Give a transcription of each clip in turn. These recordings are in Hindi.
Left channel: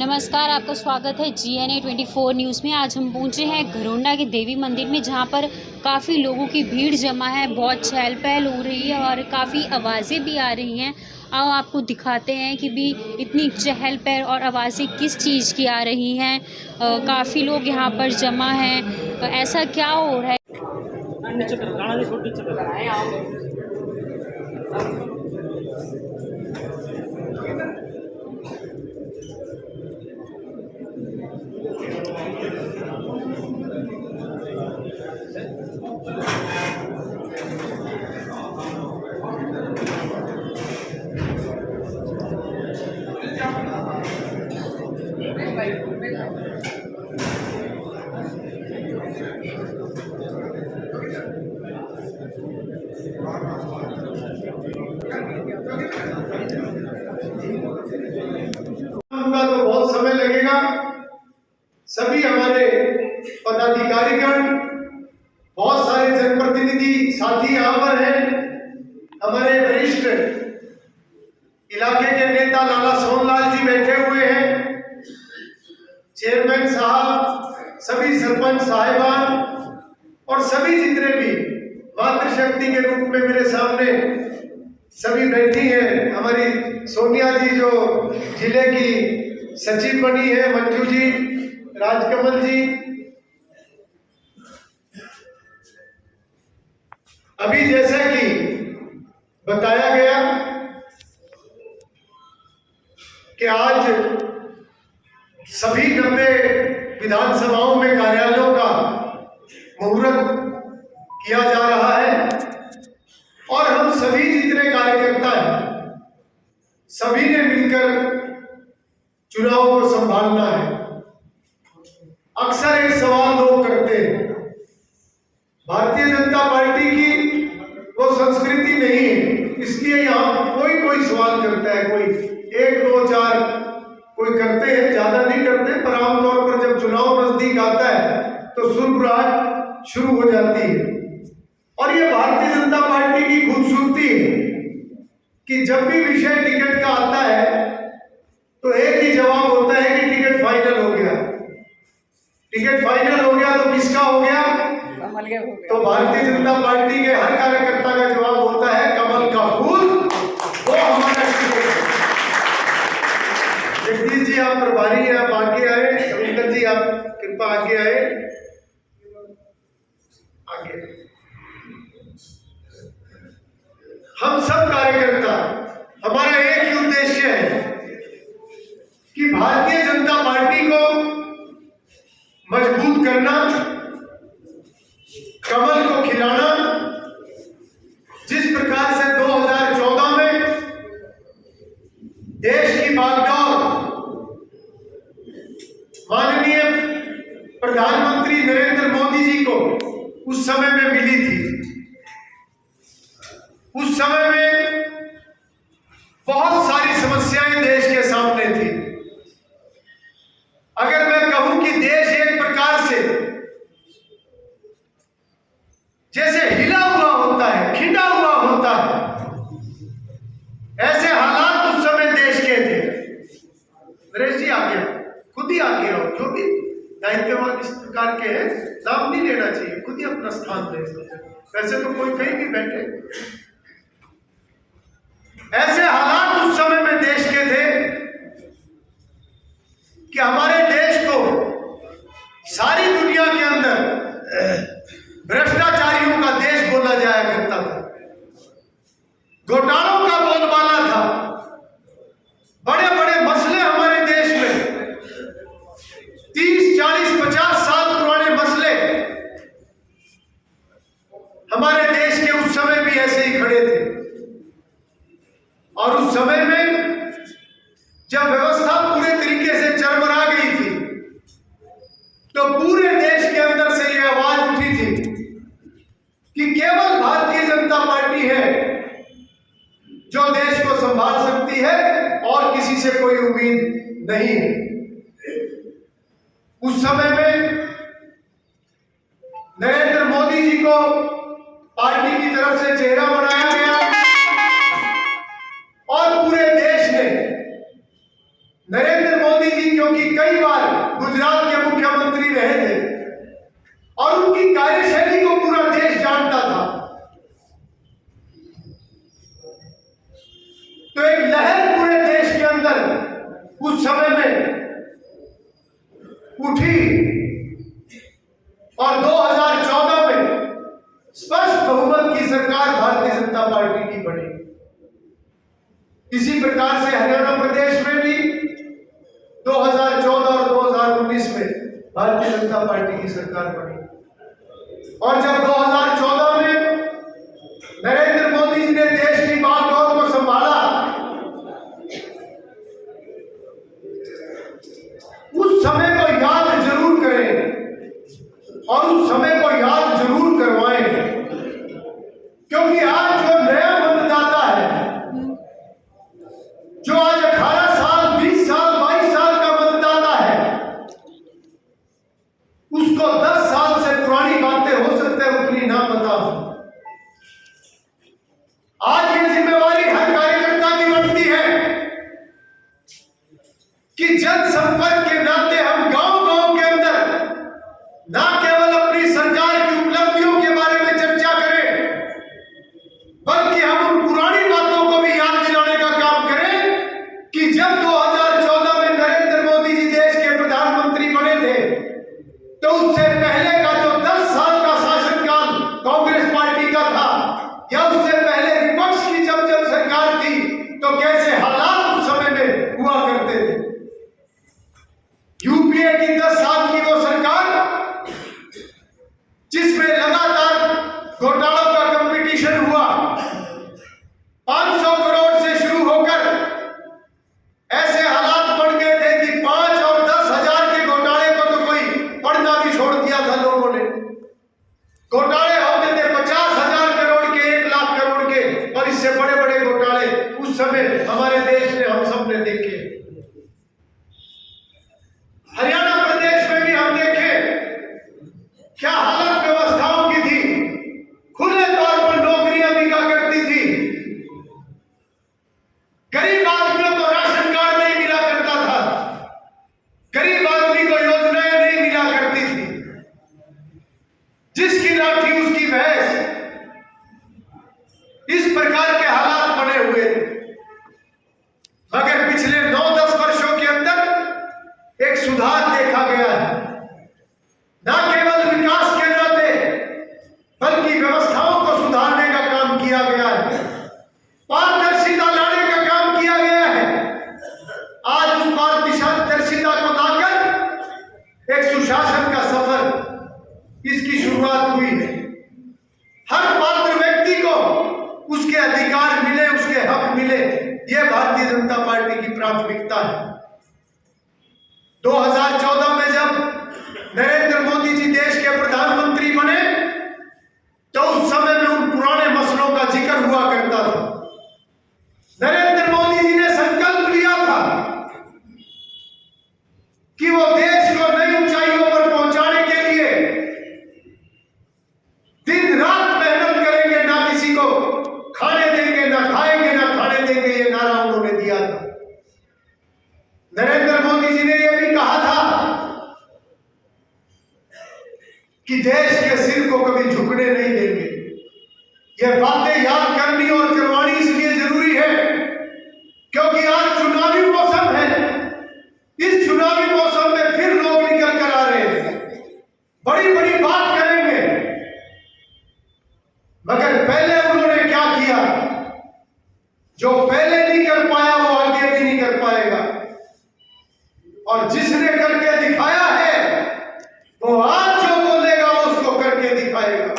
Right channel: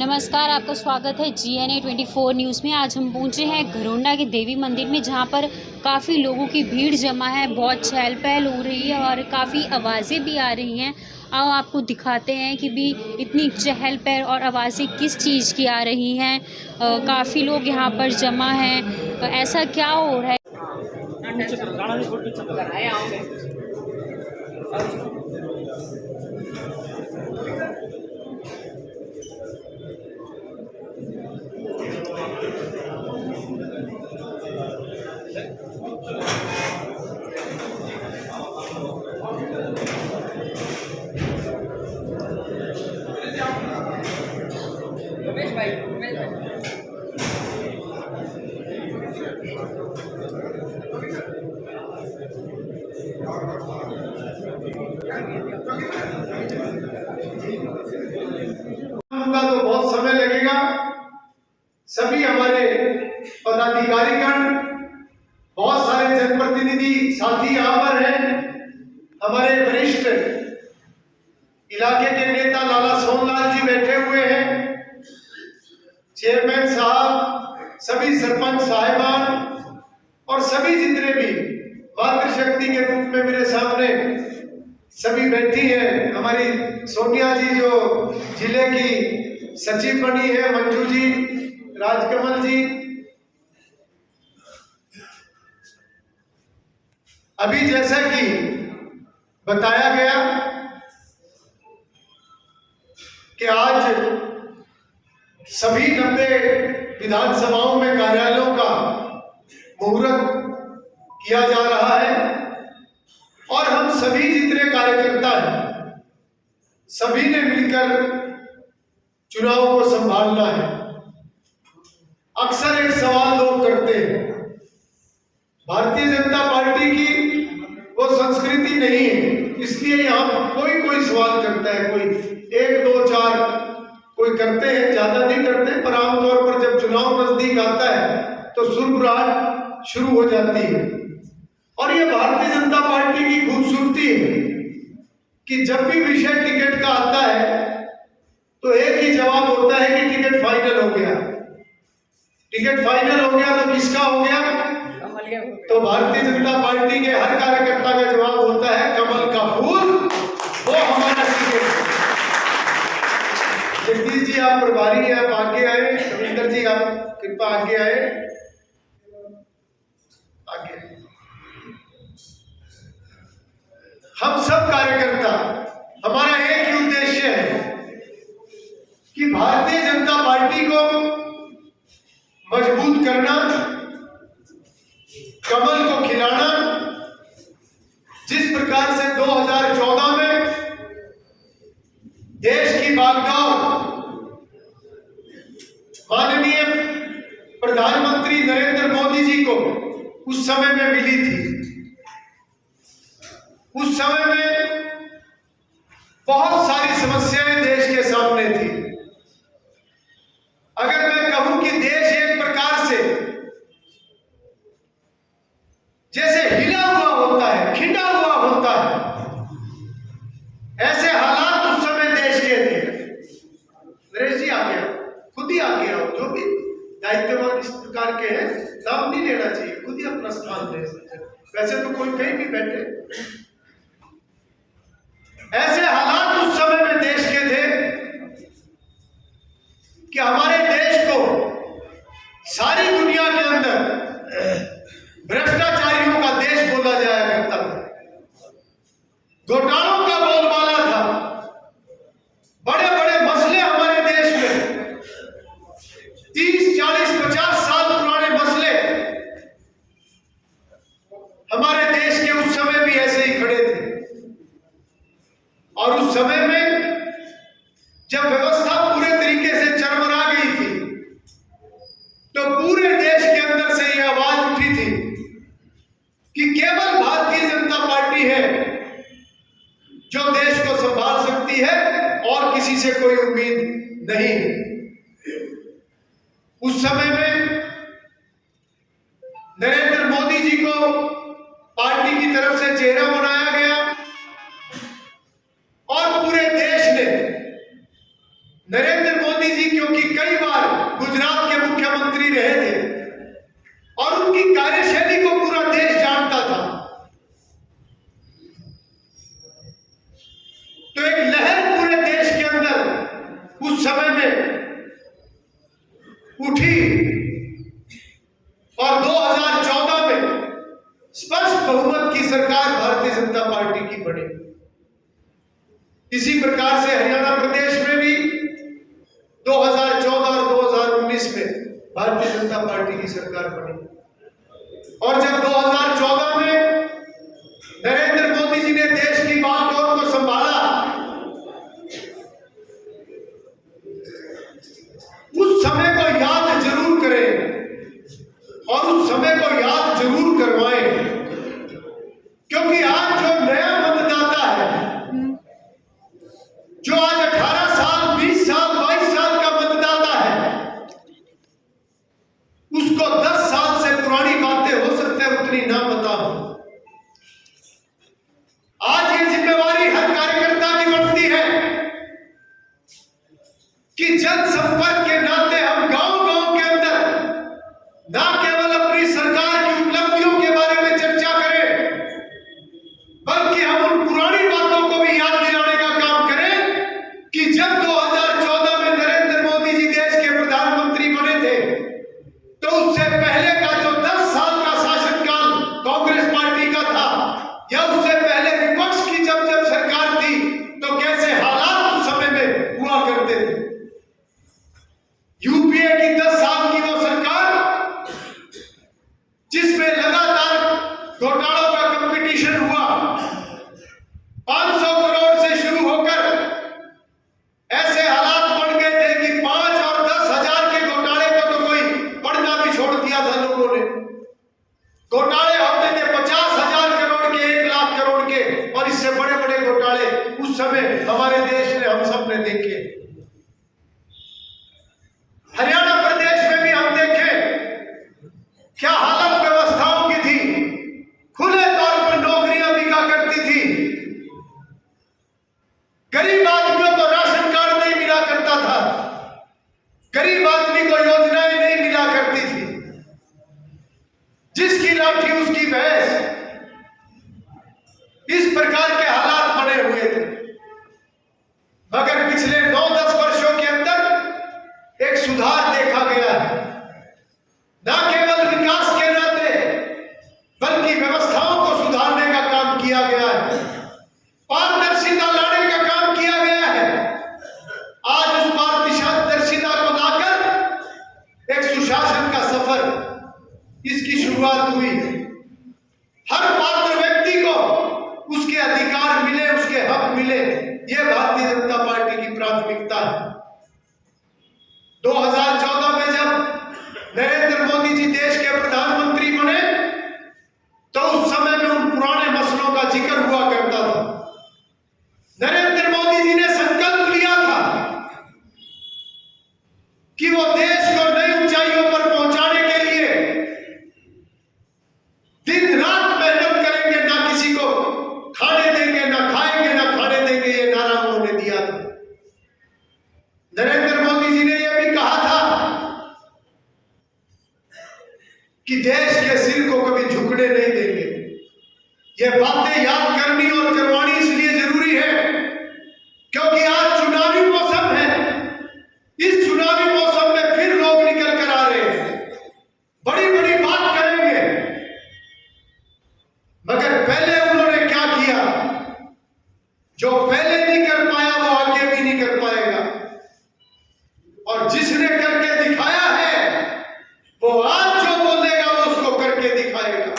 नमस्कार, आपका स्वागत है GNA 24 न्यूज़ में। आज हम पहुंचे हैं घरोंडा के देवी मंदिर में, जहां पर काफ़ी लोगों की भीड़ जमा है। बहुत चहल पहल हो रही है और काफ़ी आवाज़ें भी आ रही हैं। आओ आपको दिखाते हैं कि भी इतनी चहल पहल और आवाज़ें किस चीज़ की आ रही हैं। काफ़ी लोग यहां पर जमा हैं। ऐसा क्या हो रहा है? उनका तो बहुत समय लगेगा। सभी हमारे पदाधिकारीगण, बहुत सारे जनप्रतिनिधि साथी यहाँ पर हैं। हमारे वरिष्ठ इलाके के नेता लाला सोनलाल जी बैठे हुए हैं, चेयरमैन साहब, सभी सरपंच साहिबान और सभी जितने भी मातृशक्ति के रूप में मेरे सामने सभी बैठी हैं। हमारी सोनिया जी जो जिले की सचिव बनी है, मंजू जी, राजकमल जी। अभी जैसा कि बताया गया कि आज सभी 90 विधानसभाओं में कार्यालयों का मुहूर्त किया जा रहा है और हम सभी जितने कार्यकर्ता हैं, सभी ने मिलकर चुनाव को संभालना है। अक्सर एक सवाल लोग करते हैं, भारतीय जनता पार्टी की वो संस्कृति नहीं है, इसलिए यहाँ कोई सवाल करता है, कोई 1 2 4 कोई करते हैं, ज्यादा नहीं करते, पर आमतौर पर जब चुनाव नजदीक आता है तो सुरबुराहट शुरू हो जाती है। और ये भारतीय जनता पार्टी की खूबसूरती है कि जब भी विषय टिकट का आता है तो एक ही जवाब होता है कि टिकट फाइनल हो गया। टिकट फाइनल हो गया तो किसका हो गया? तो भारतीय जनता पार्टी के हर कार्यकर्ता का जवाब होता है कमल का फूल, वो हमारा टिकट। जगदीश जी आप प्रभारी हैं, आप आगे आए। रविंदर जी आप कृपा आगे आए, आगे। हम सब कार्यकर्ता, हमारा एक ही उद्देश्य है कि भारतीय जनता पार्टी को मजबूत करना, कमल को खिलाना। जिस प्रकार से 2014 में देश की बागडोर माननीय प्रधानमंत्री नरेंद्र मोदी जी को उस समय में मिली थी, उस समय में बहुत सारी समस्याएं देश के सामने थी। अगर मैं कहूं कि देश एक प्रकार से जैसे हिला हुआ होता है, खिंडा हुआ होता है, ऐसे हालात उस समय देश के थे। नरेश जी आ गया, खुद ही आ गया हो, जो भी दायित्ववान इस प्रकार के हैं, नाम नहीं लेना चाहिए, खुद ही अपना स्थान ले सकते। वैसे तो कोई कहीं भी बैठे। ऐसे हालात उस समय में देश के थे कि हमारे देश को सारी दुनिया के अंदर भ्रष्टाचारियों का देश बोला जाया करता था, घोटालों का बोलबाला था। बड़े बड़े मसले हमारे देश में 30 40 50 साल पुराने मसले हमारे देश के उस समय भी ऐसे ही खड़े थे। और उस समय में जब व्यवस्था पूरे तरीके से चरमरा गई थी तो पूरे देश के अंदर से यह आवाज उठी थी कि केवल भारतीय जनता पार्टी है जो देश को संभाल सकती है और किसी से कोई उम्मीद नहीं है। उस समय में नरेंद्र मोदी जी को पार्टी की तरफ से चेहरा बनाया गया और पूरे देश ने नरेंद्र मोदी मोदी जी क्योंकि कई बार गुजरात के मुख्यमंत्री रहे थे और उनकी कार्यशैली को पूरा देश जानता था, तो एक लहर पूरे देश के अंदर उस समय में उठी और 2014 में स्पष्ट बहुमत की सरकार भारतीय जनता पार्टी की बनी। इसी प्रकार से हरियाणा प्रदेश में भी 2014 और 2019 में भारतीय जनता पार्टी की सरकार बनी। और जब 2014 में नरेंद्र मोदी जी ने देश की बागडोर को संभाला, उस समय को याद जरूर करें और उस समय को याद जरूर करवाएं, क्योंकि आज जो नया मतदाता है, जो आज 18 साल 20 साल 22 साल का मतदाता है, उसको 10 साल से पुरानी बातें हो सकते हैं उतनी ना पता हो। आज ये जिम्मेवारी हर कार्यकर्ता की बनती है कि जनसंपर्क के नाते हम गांव-गांव के अंदर ना केवल अपनी सरकार की उपलब्धियों के बारे में चर्चा करें, बल्कि हम उन पुरानी बातों को भी याद दिलाने का काम करें कि जब 2014 में नरेंद्र मोदी जी देश के प्रधानमंत्री बने थे, तो उससे पहले का जो 10 साल का शासनकाल कांग्रेस पार्टी का था, या उससे पहले विपक्ष की जब जब सरकार थी, तो कैसे हालात उस समय में हुआ करते थे। यूपीए की 10 साल की वो सरकार जिसमें लगातार घोटालों का कंपटीशन हुआ, 500 करोड़ से शुरू होकर ऐसे हालात बन गए थे कि 5 और 10 हजार के घोटाले को तो कोई पढ़ना भी छोड़ दिया था लोगों ने। घोटाले होते थे 50,000 करोड़ के, 1 लाख करोड़ के, और इससे बड़े बड़े घोटाले उस समय हमारे देश ने, हम सब ने देखे। हरियाणा प्रदेश में भी हम देखें क्या हालत व्यवस्थाओं की थी। खुले तौर पर नौकरियां बिका करती थी, गरीब आदमियों को राशन कार्ड नहीं मिला करता था, गरीब आदमी को योजनाएं नहीं मिला करती थी, जिसकी लाठी उसकी भैंस, इस प्रकार के हालात बने हुए थे। मगर पिछले 9-10 वर्षों के अंदर एक सुधार देखा गया है, न केवल विकास के नाते बल्कि व्यवस्थाओं को सुधारने का काम किया गया है, पारदर्शिता लाने का काम किया गया है। आज उस पारदर्शिता को लाकर एक सुशासन का सफर, इसकी शुरुआत हुई है। हर पात्र व्यक्ति को उसके अधिकार मिले, उसके हक मिले, यह भारतीय जनता पार्टी की प्राथमिकता है। 2014 में जब नरेंद्र मोदी जी देश के प्रधानमंत्री बने, तो उस समय में उन पुराने मसलों का जिक्र हुआ करता था। नरेंद्र मोदी जी ने संकल्प लिया था कि वो देश को नई ऊंचाइयों पर पहुंचाने के लिए दिन रात मेहनत करेंगे, ना किसी को खाने देंगे, ना खाएंगे, ना खाने देंगे, ये नारा उन्होंने दिया था। नरेंद्र मोदी जी ने यह भी कहा था कि देश के सिर को कभी झुकने नहीं देंगे। यह बातें याद करनी और करवानी इसलिए जरूरी है क्योंकि आज चुनावी मौसम है। इस चुनावी मौसम में फिर लोग निकल कर आ रहे हैं, बड़ी बड़ी बात करेंगे, मगर पहले उन्होंने क्या किया? जो पहले नहीं कर पाया वो आगे भी नहीं कर पाएगा, और जिसने करके दिखाया है वो आज जो बोलेगा वो उसको करके दिखाएगा।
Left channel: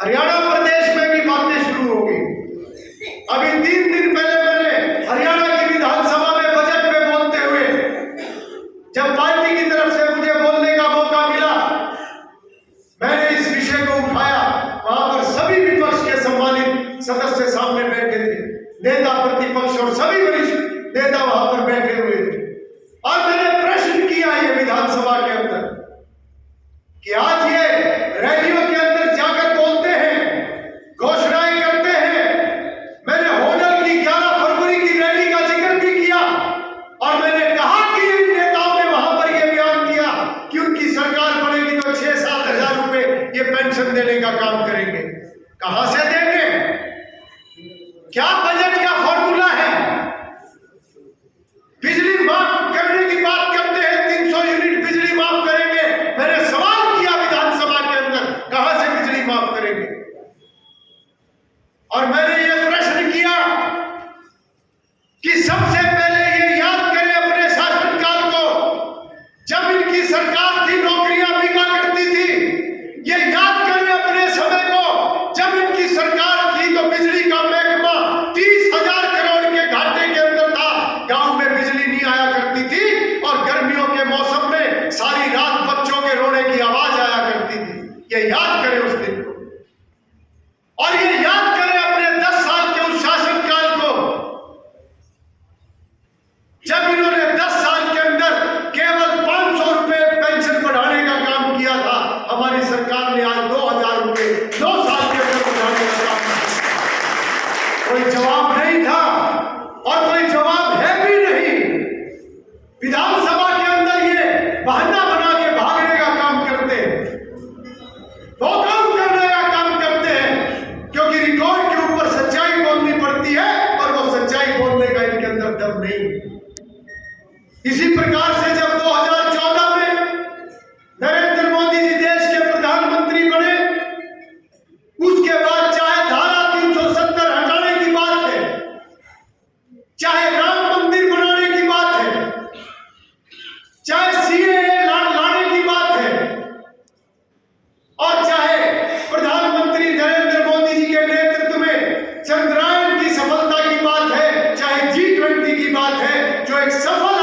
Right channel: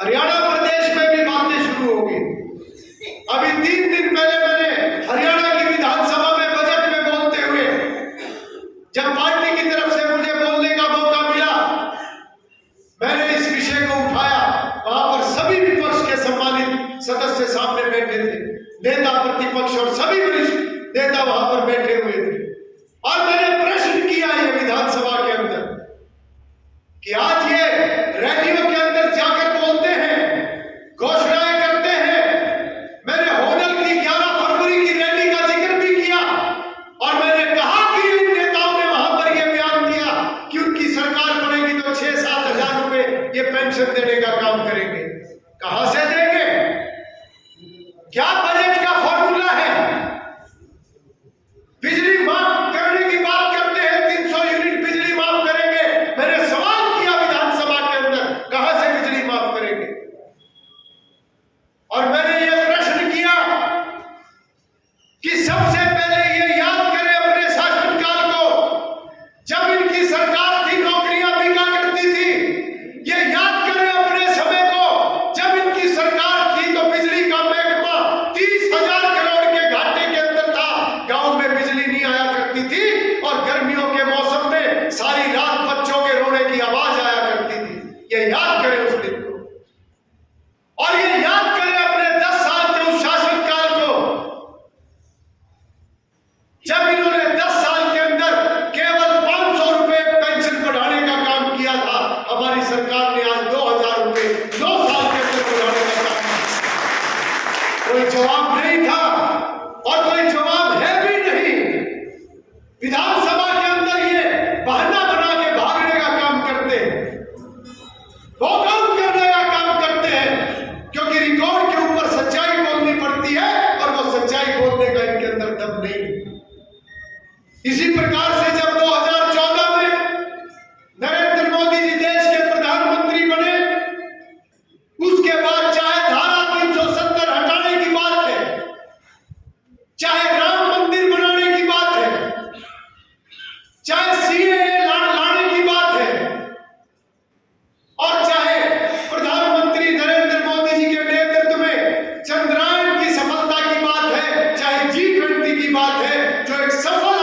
हरियाणा प्रदेश में भी बातें शुरू हो गई। अभी 3 दिन पहले मैंने हरियाणा की विधानसभा में बजट में बोलते हुए, जब पार्टी की तरफ से मुझे बोलने का मौका मिला, मैंने इस विषय को उठाया। वहां पर सभी विपक्ष के सम्मानित सदस्य सामने बैठे थे, नेता प्रतिपक्ष और सभी वरिष्ठ नेता वहां पर बैठे हुए थे, और मैंने प्रश्न किया ये विधानसभा के अंदर कि आज ये रैलियों के अंदर जाकर बोलते हैं, घोषणाएं करते हैं, मैंने क्या बजट का फॉर्मूला है? बिजली माफ करने की बात करते हैं, 300 यूनिट बिजली माफ करेंगे। मैंने सवाल किया विधानसभा के अंदर, कहां से बिजली माफ करेंगे? और मैंने ये प्रश्न किया कि सबसे पहले ये याद करें अपने शासनकाल को, जब इनकी सरकार थी नौकरियां बिका करती थी। ये याद करें अपने समय को, जब इनकी सरकार थी तो बिजली का महकमा 30,000 करोड़ के घाटे के अंदर था। गांव में बिजली नहीं आया करती थी और गर्मियों के मौसम में सारी रात बच्चों के रोने की आवाज आया करती थी। ये याद करें उस दिन को, और ये याद करें अपने 10 साल के उस शासनकाल को, जब इन्होंने 10 साल के अंदर केवल 500 रुपए पेंशन बढ़ाने का काम किया था। हमारी सरकार ने आज 2,000 रुपए 2 साल के अंदर बढ़ाने का काम किया। कोई जवाब नहीं था और कोई जवाब है भी नहीं। विधानसभा के अंदर ये बहाना बना के भागने का काम करते हैं, वॉकआउट करने का काम करते हैं, क्योंकि रिकॉर्ड के ऊपर सच्चाई बोलनी पड़ती है और वो सच्चाई बोलने का इनके अंदर दम नहीं। इसी प्रकार से जब 2014 में नरेंद्र मोदी जी देश के प्रधानमंत्री बने, उसके बाद चाहे धारा 370 हटाने की बात है, चाहे राम मंदिर बनाने की बात है, चाहे सीएए लाने की बात है, और चाहे प्रधानमंत्री नरेंद्र मोदी जी के नेतृत्व में चंद्रयान की सफलता की बात है, चाहे G20 की बात है, जो एक सफल